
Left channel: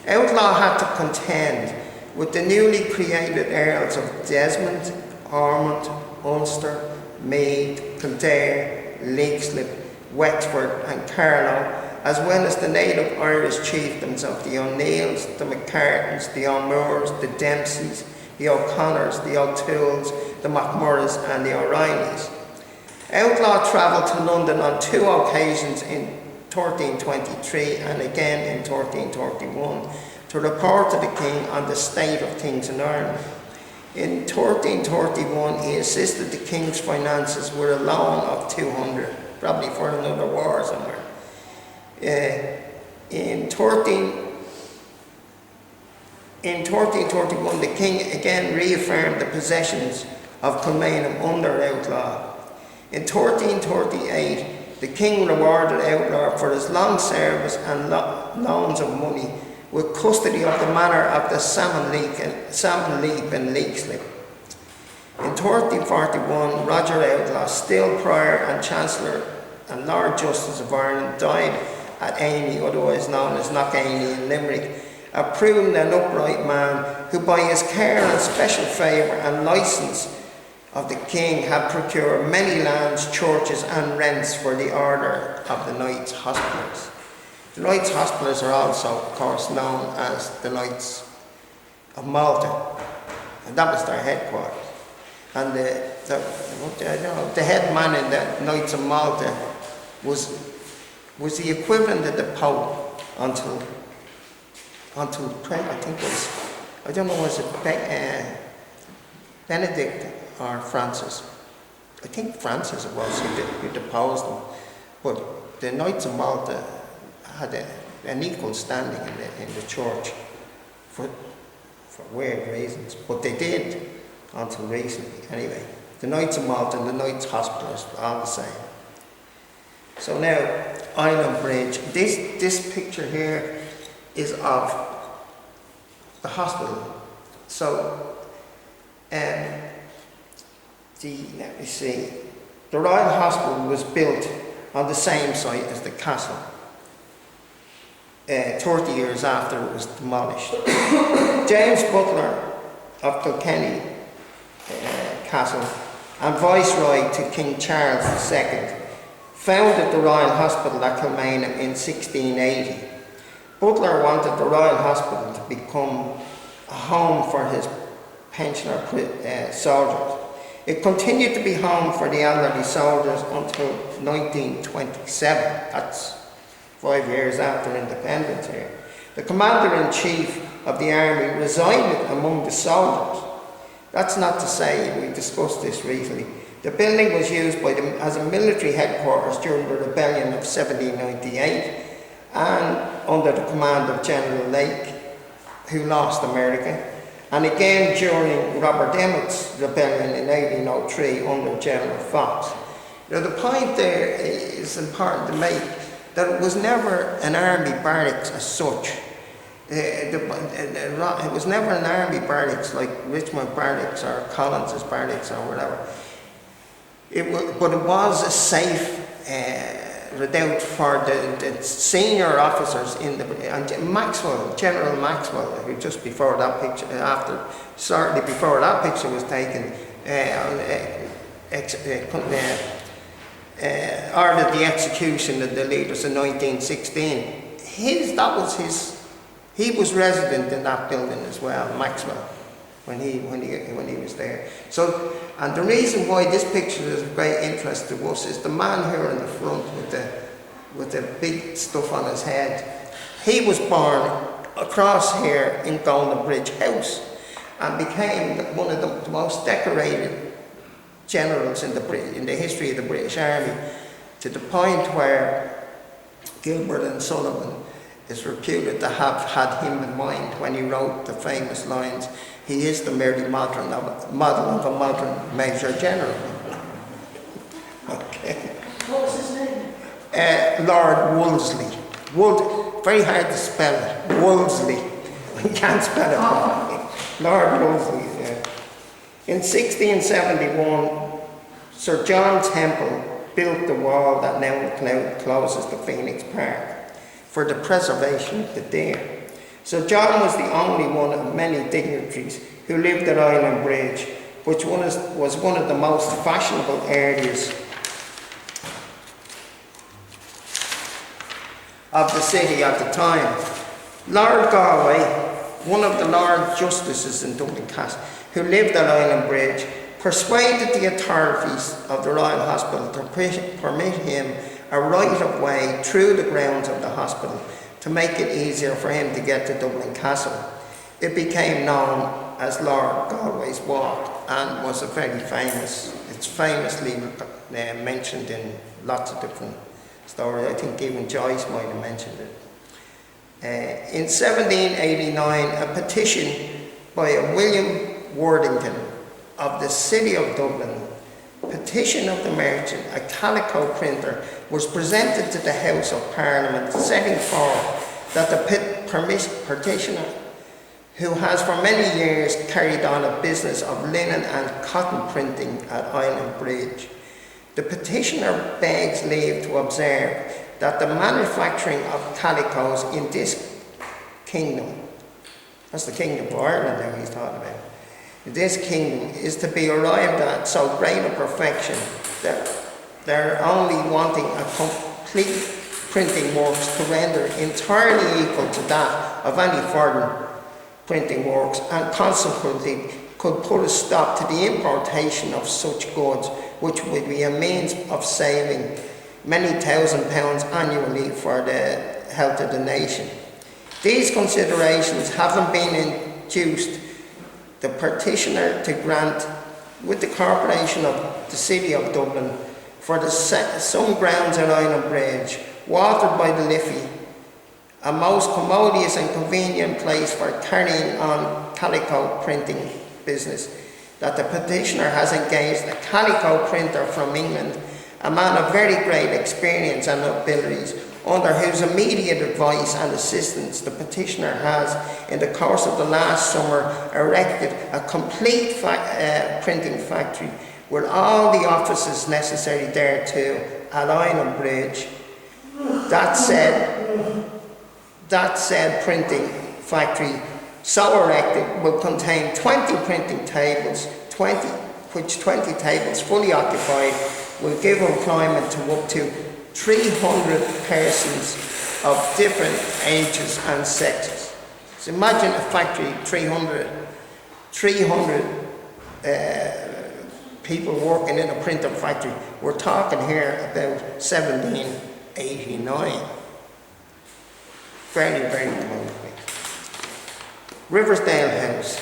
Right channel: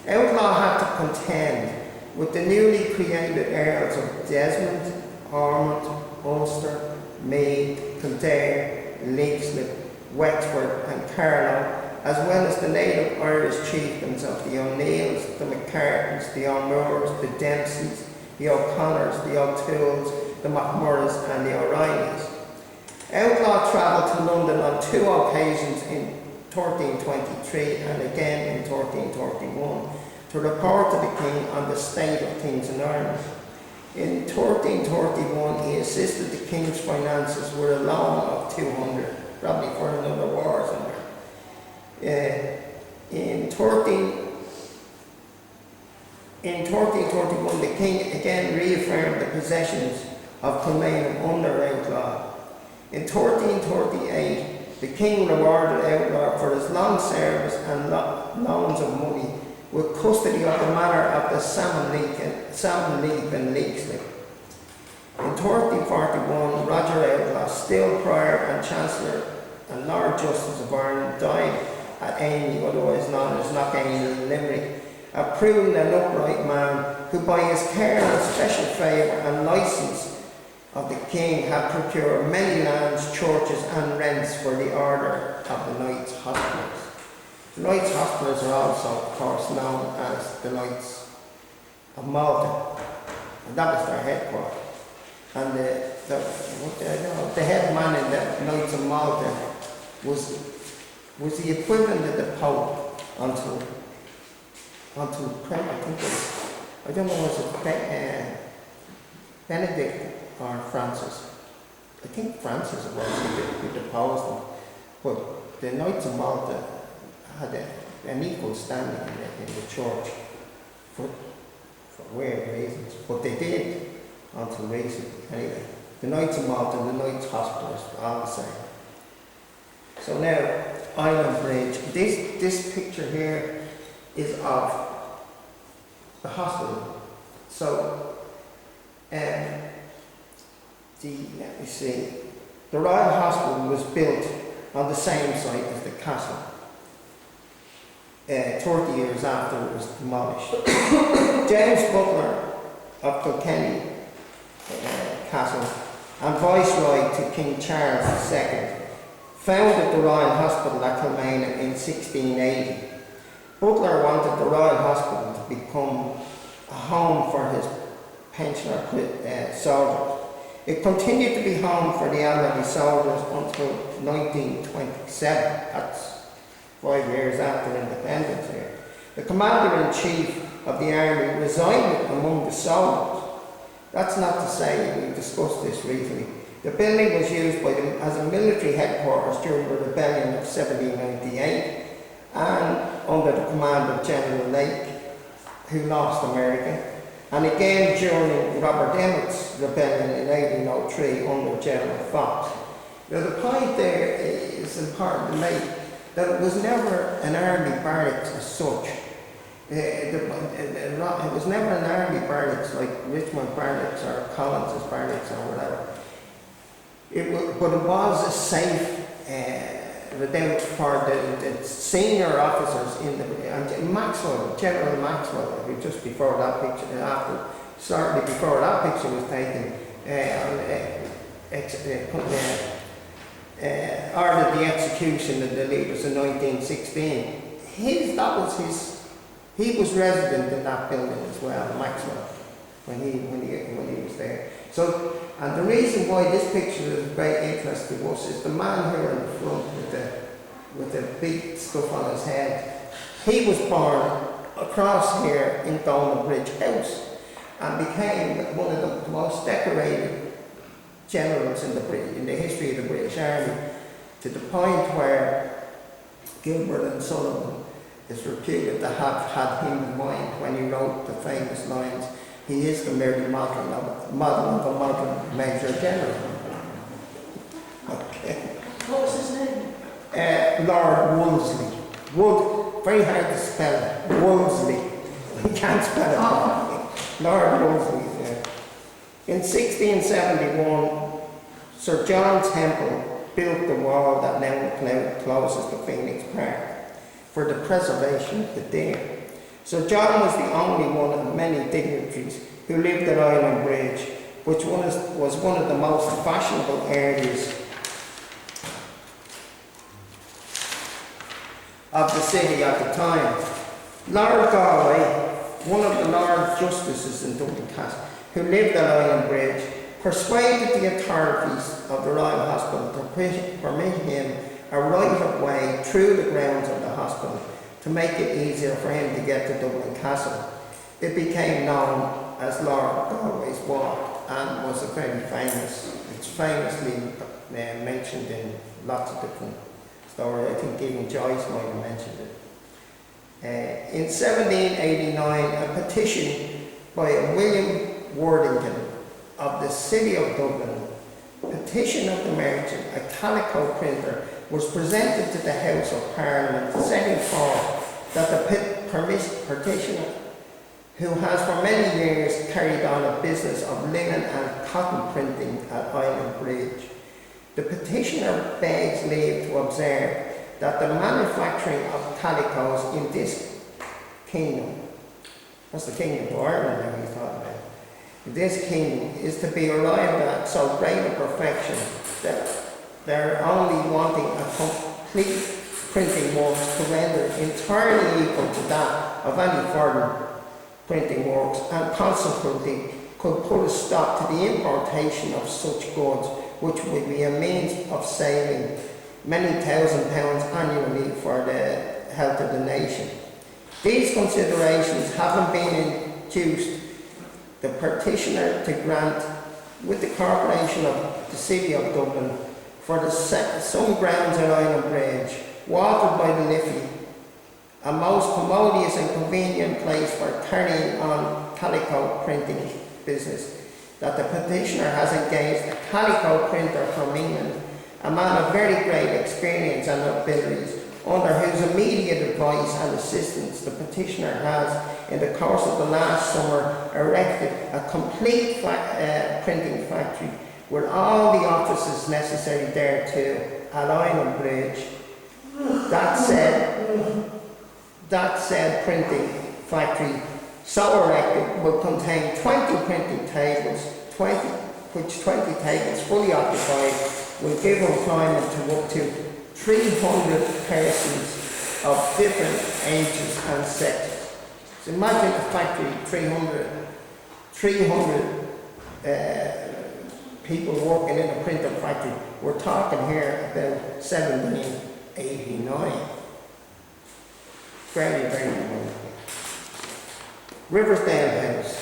Outlaw had to contend with the newly created Earls of Desmond, Ormond, Ulster, Meath, Kildare, Leixlip, Wexford and Carlow, as well as the native Irish chieftains of the O'Neills, the McCartans, the O'Moores, the Dempseys, the O'Connors, the O'Tooles, the McMurraghs and the O'Reillys. Outlaw travelled to London on 2 occasions in 1323 and again in 1331 to report to the king on the state of things in Ireland. In 1331 he assisted the king's finances with a loan of 200, probably for another war somewhere. In 1331 the king again reaffirmed the possessions of Kilmainham under Outlaw. In 1338, the king rewarded Outlaw for his long service and loans of money with custody of the manor of the Salmon Leap in Leixlip. In 1341, Roger Outlaw, still Prior and Chancellor and Lord Justice of Ireland, died at Amy, otherwise known as Knockamy in Limerick, a prudent and upright man who by his care and special favour and licence of the king had procured many lands, churches and rents for the order of the Knights Hospitallers. The Knights Hospitallers are also, of course, known as the Knights of Malta, and that was their headquarters. And the head man in the Knights of Malta was the equivalent of the Pope until I think it was, I don't know, was it Benedict or Francis? I think Francis it was who deposed them. But the Knights of Malta had an equal standing in the church for weird reasons, but they did until recently. Anyway, the Knights of Malta and the Knights Hospitallers are all the same. So now, Island Bridge. This picture here is of the hospital. So, let me see. The Royal Hospital was built on the same site as the castle, 30 years after it was demolished. James Butler of Kilkenny Castle and Viceroy to King Charles II founded the Royal Hospital at Kilmainham in 1680. Butler wanted the Royal Hospital to become a home for his pensioner soldiers. It continued to be home for the elderly soldiers until 1927. That's 5 years after independence here. The Commander-in-Chief of the Army resided among the soldiers. That's not to say, we discussed this recently, the building was used as a military headquarters during the rebellion of 1798 and under the command of General Lake, who lost America, and again during Robert Emmet's rebellion in 1803 under General Fox. Now the point there is important to make, that it was never an army barracks as such. It was never an army barracks like Richmond Barracks or Collins's Barracks or whatever. But it was a safe redoubt for the senior officers in the, and Maxwell, General Maxwell, who just before that picture, shortly before that picture was taken, ordered the execution of the leaders in 1916. He was resident in that building as well, Maxwell. when he was there. So, and the reason why this picture is of great interest to us is the man here in the front with the big stuff on his head. He was born across here in Golden Bridge House and became one of the most decorated generals in the history of the British Army, to the point where Gilbert and Sullivan is reputed to have had him in mind when he wrote the famous lines, "He is the merely model of a modern Major General." Okay. What was his name? Lord Wolseley. Very hard to spell it. Wolseley. You can't spell it properly. Lord Wolseley, yeah. In 1671, Sir John Temple built the wall that now closes the Phoenix Park for the preservation of the deer. So John was the only one of many dignitaries who lived at Island Bridge, which was one of the most fashionable areas of the city at the time. Lord Galway, one of the Lord Justices in Dublin Castle, who lived at Island Bridge, persuaded the authorities of the Royal Hospital to permit him a right of way through the grounds of the hospital to make it easier for him to get to Dublin Castle. It became known as Lord Galway's Walk and was it's famously mentioned in lots of different stories. I think even Joyce might have mentioned it. In 1789, a petition by William Worthington of the City of Dublin, Petition of the Merchant, a calico printer, was presented to the House of Parliament, setting forth that the petitioner, who has for many years carried on a business of linen and cotton printing at Island Bridge, the petitioner begs leave to observe that the manufacturing of calicos in this kingdom, that's the Kingdom of Ireland now he's talking about, this kingdom is to be arrived at so great a perfection that they're only wanting a complete printing works to render entirely equal to that of any foreign printing works, and consequently could put a stop to the importation of such goods, which would be a means of saving many £1,000s annually for the health of the nation. These considerations having been induced the petitioner to grant, with the Corporation of the City of Dublin, for some grounds at Island Bridge, watered by the Liffey, a most commodious and convenient place for carrying on calico printing business, that the petitioner has engaged a calico printer from England, a man of very great experience and abilities, under whose immediate advice and assistance the petitioner has, in the course of the last summer, erected a complete printing factory with all the offices necessary thereto at Island Bridge. That said printing factory, so erected, will contain 20 printing tables, 20 tables fully occupied will give employment to up to 300 persons of different ages and sexes. So imagine a factory, 300 people working in a printer factory. We're talking here about 1789. Very, very wonderful. Riversdale House.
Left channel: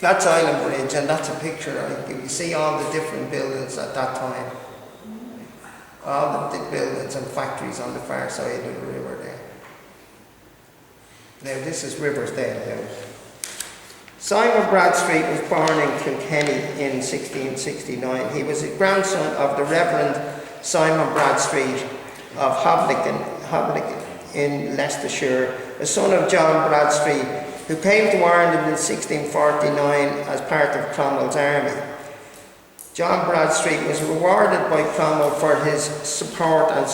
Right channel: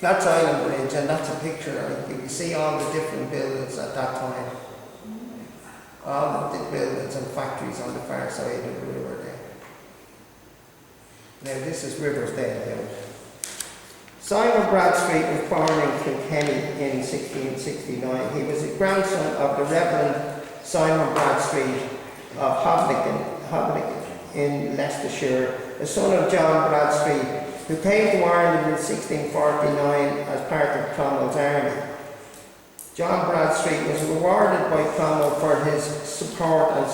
That's Island Bridge, and that's a picture. You can see all the different buildings at that time. All the buildings and factories on the far side of the river there. Now this is Riversdale House. Simon Bradstreet was born in Kilkenny in 1669. He was a grandson of the Reverend Simon Bradstreet of Hobbligan in Leicestershire, a son of John Bradstreet, who came to Ireland in 1649 as part of Cromwell's army. John Bradstreet was rewarded by Cromwell for his support and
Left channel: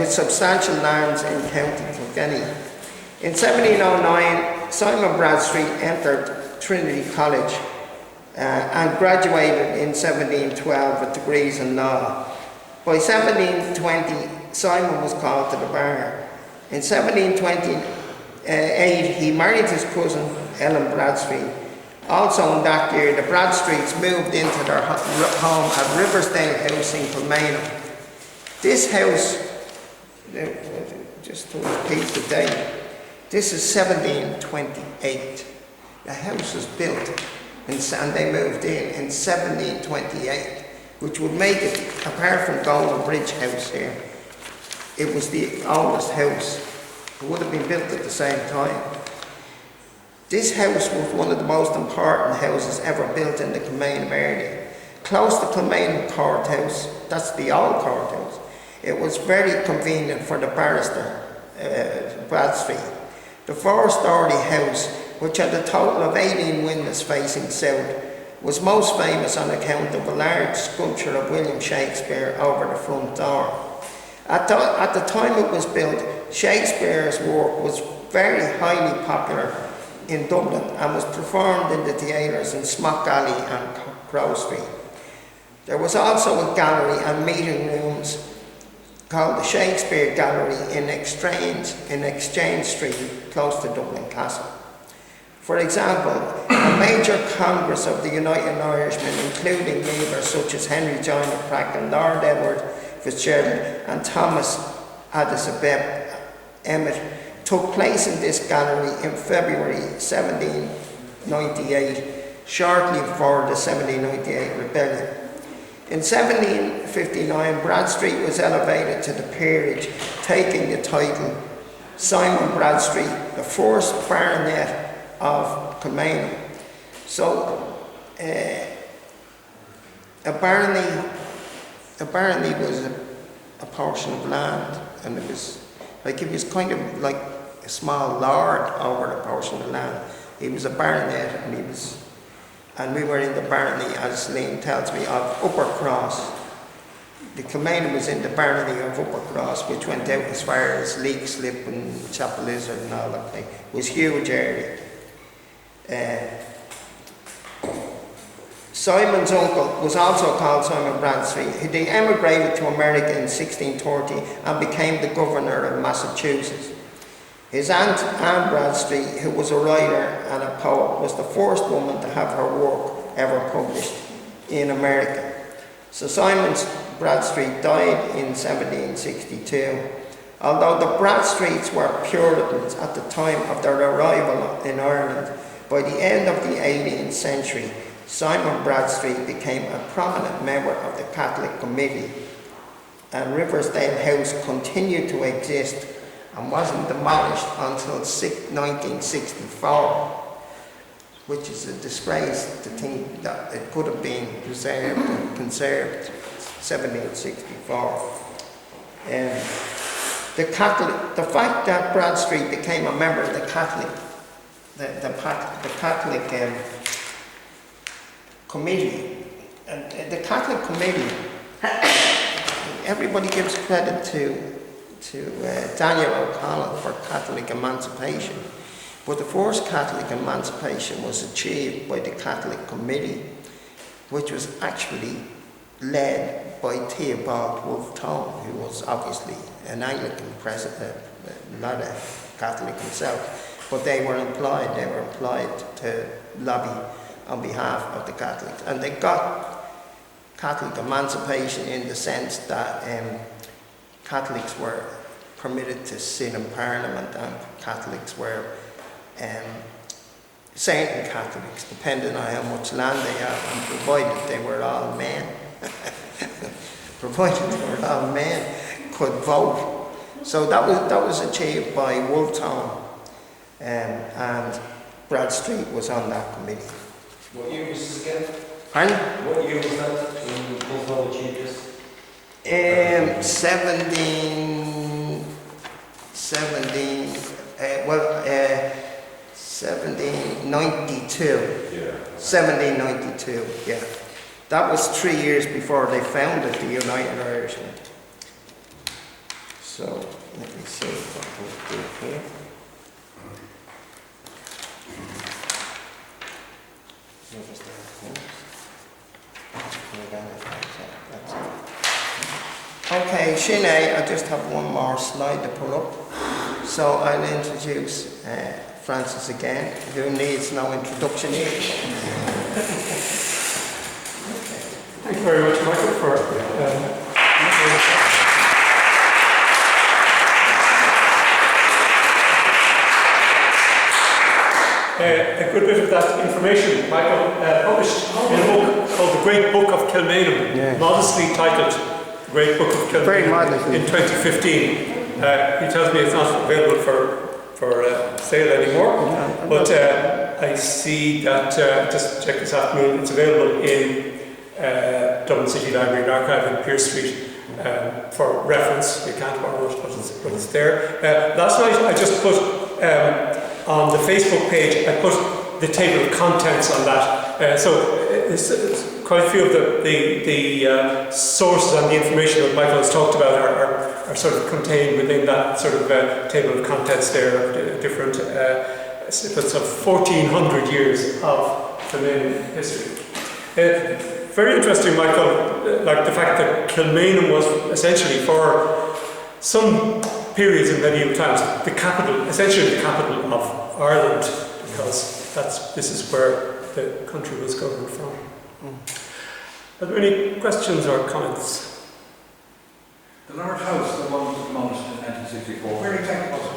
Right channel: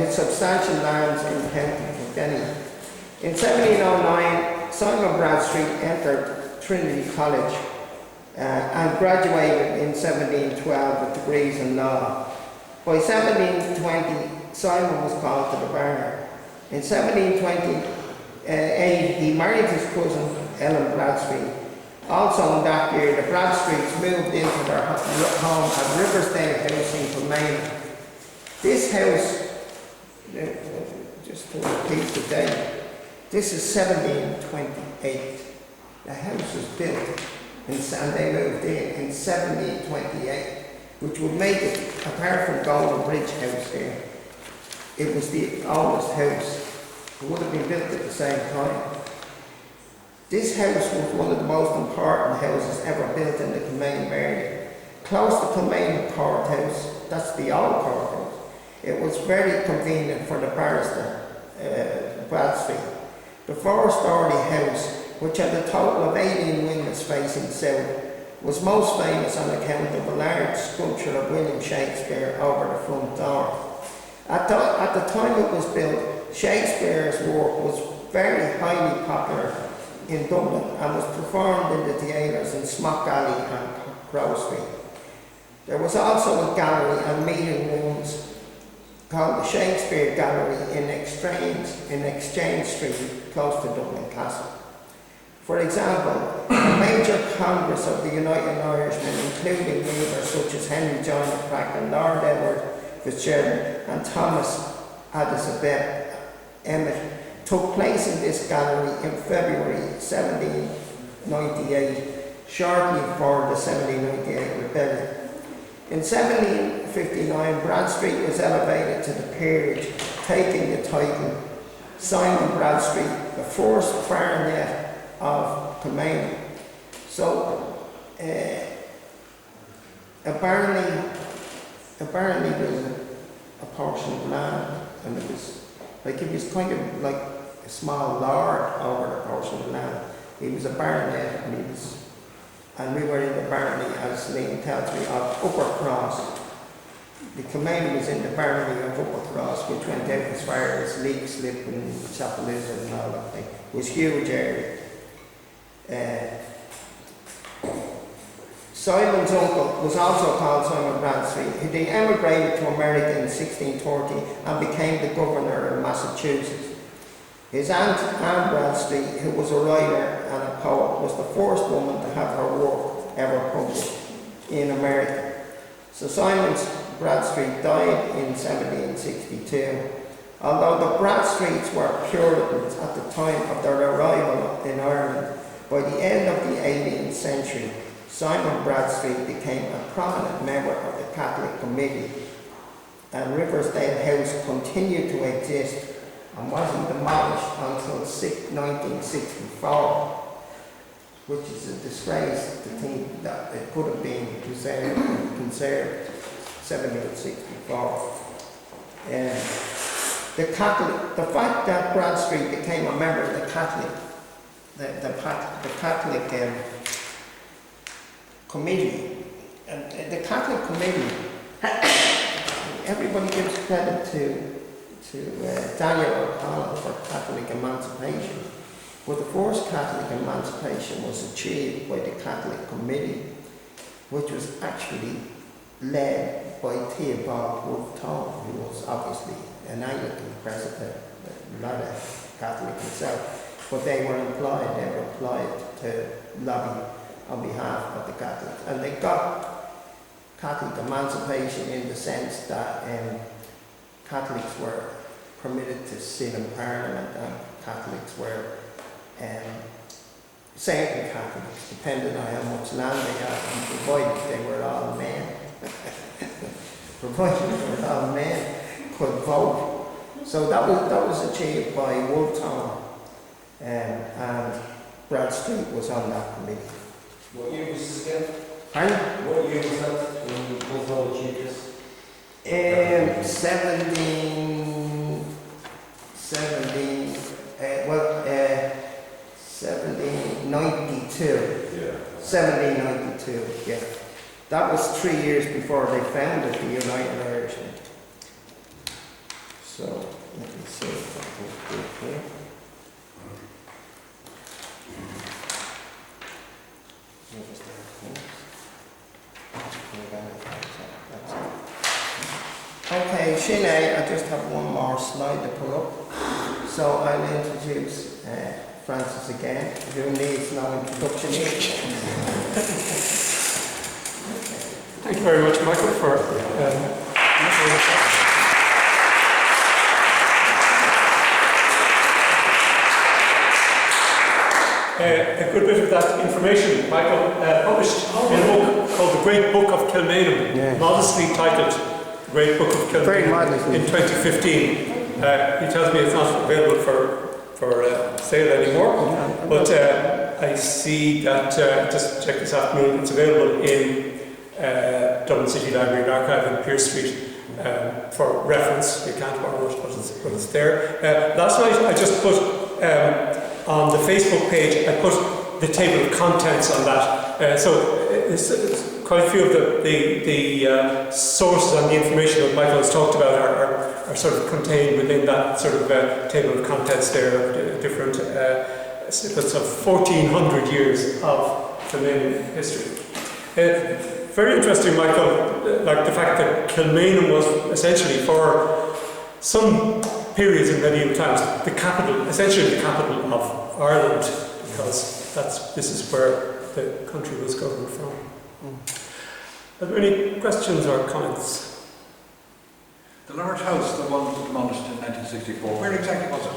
with substantial lands in County Kilkenny. In 1709, Simon Bradstreet entered Trinity College and graduated in 1712 with degrees in law. By 1720, Simon was called to the bar. In 1720, he married his cousin Ellen Bradstreet. Also in that year, the Bradstreets moved into their home at Riversdale House in Kilmainham. This house, just to repeat the date, this is 1728. The house was built and they moved in 1728, which would make it, apart from Golden Bridge House here, it was the oldest house. It would have been built at the same time. This house was one of the most important houses ever built in the Kilmainham area. Close to Kilmainham Courthouse, that's the old courthouse, it was very convenient for the barrister, Bradstreet. The four-storey house, which had a total of 18 windows facing south, was most famous on account of a large sculpture of William Shakespeare over the front door. At the time it was built, Shakespeare's work was very highly popular in Dublin and was performed in the theatres in Smock Alley and Crow Street. There was also a gallery and meeting rooms called the Shakespeare Gallery in Exchange Street, close to Dublin Castle. For example, a major congress of the United Irishmen, including leaders such as Henry John Cracken, Lord Edward Fitzgerald and Thomas Addison Emmet, took place in this gallery in February 1798, shortly before the 1798 rebellion. In 1759, Bradstreet was elevated to the peerage, taking the title Simon Bradstreet, the first baronet of Kilmainham. So, a barony was a portion of land, and it was kind of like a small lord over the portion of land. He was a baronet, and we were in the barony, as Liam tells me, of Upper Cross. The Kilmainham was in the barony of Upper Cross, which went out as far as Leak Slip and Chapel Lizard and all that thing. It was a huge area. Simon's uncle was also called Simon Bradstreet. He emigrated to America in 1630 and became the governor of Massachusetts. His aunt, Anne Bradstreet, who was a writer and a poet, was the first woman to have her work ever published in America. So Simon Bradstreet died in 1762. Although the Bradstreets were Puritans at the time of their arrival in Ireland, by the end of the 18th century, Simon Bradstreet became a prominent member of the Catholic Committee, and Riversdale House continued to exist and wasn't demolished until 1964, which is a disgrace to think that it could have been preserved and conserved 1764. The fact that Bradstreet became a member of the Catholic Committee, the Catholic Committee, everybody gives credit to Daniel O'Connell for Catholic emancipation, but the first Catholic emancipation was achieved by the Catholic Committee, which was actually led by Theobald Wolfe Tone, who was obviously an Anglican president, not a Catholic himself, but they were employed to lobby on behalf of the Catholics, and they got Catholic emancipation in the sense that Catholics were permitted to sit in Parliament, and Catholics were, certain Catholics, depending on how much land they had, and provided they were all men, could vote. So that was achieved by Wolfe Tone, and Bradstreet was on that committee. What year was this again? Pardon? What year was that when Wolfe Tone achieved this? 1792. Yeah. 1792, yeah. That was 3 years before they founded the United Irishmen. So, let me see what we'll do here. Okay, Sinead, I just have one more slide to pull up. So I'll introduce Francis again, who needs no introduction. Thank you very much, Michael, for a good bit of that information. Michael published in a book called The Great Book of Kilmainham, Yeah. modestly titled Great Book of Very Kilmainham modestly. in 2015. He tells me it's not available for sale anymore, but I see that, just check this afternoon, it's available in Dublin City Library and Archive in Pearse Street for reference. You can't borrow it, but it's there. Last night I just put on the Facebook page, I put the table of contents on that. So it's quite a few of the sources and the information that Michael has talked about are sort of contained within that sort of table of contents there, different snippets of 1400 years of Kilmainham history. Very interesting, Michael, like the fact that Kilmainham was essentially for some periods in medieval times the capital, essentially the capital of Ireland, because this is where the country was governed from. Are there any questions or comments? The large house, the one demolished in 1964, where exactly was it?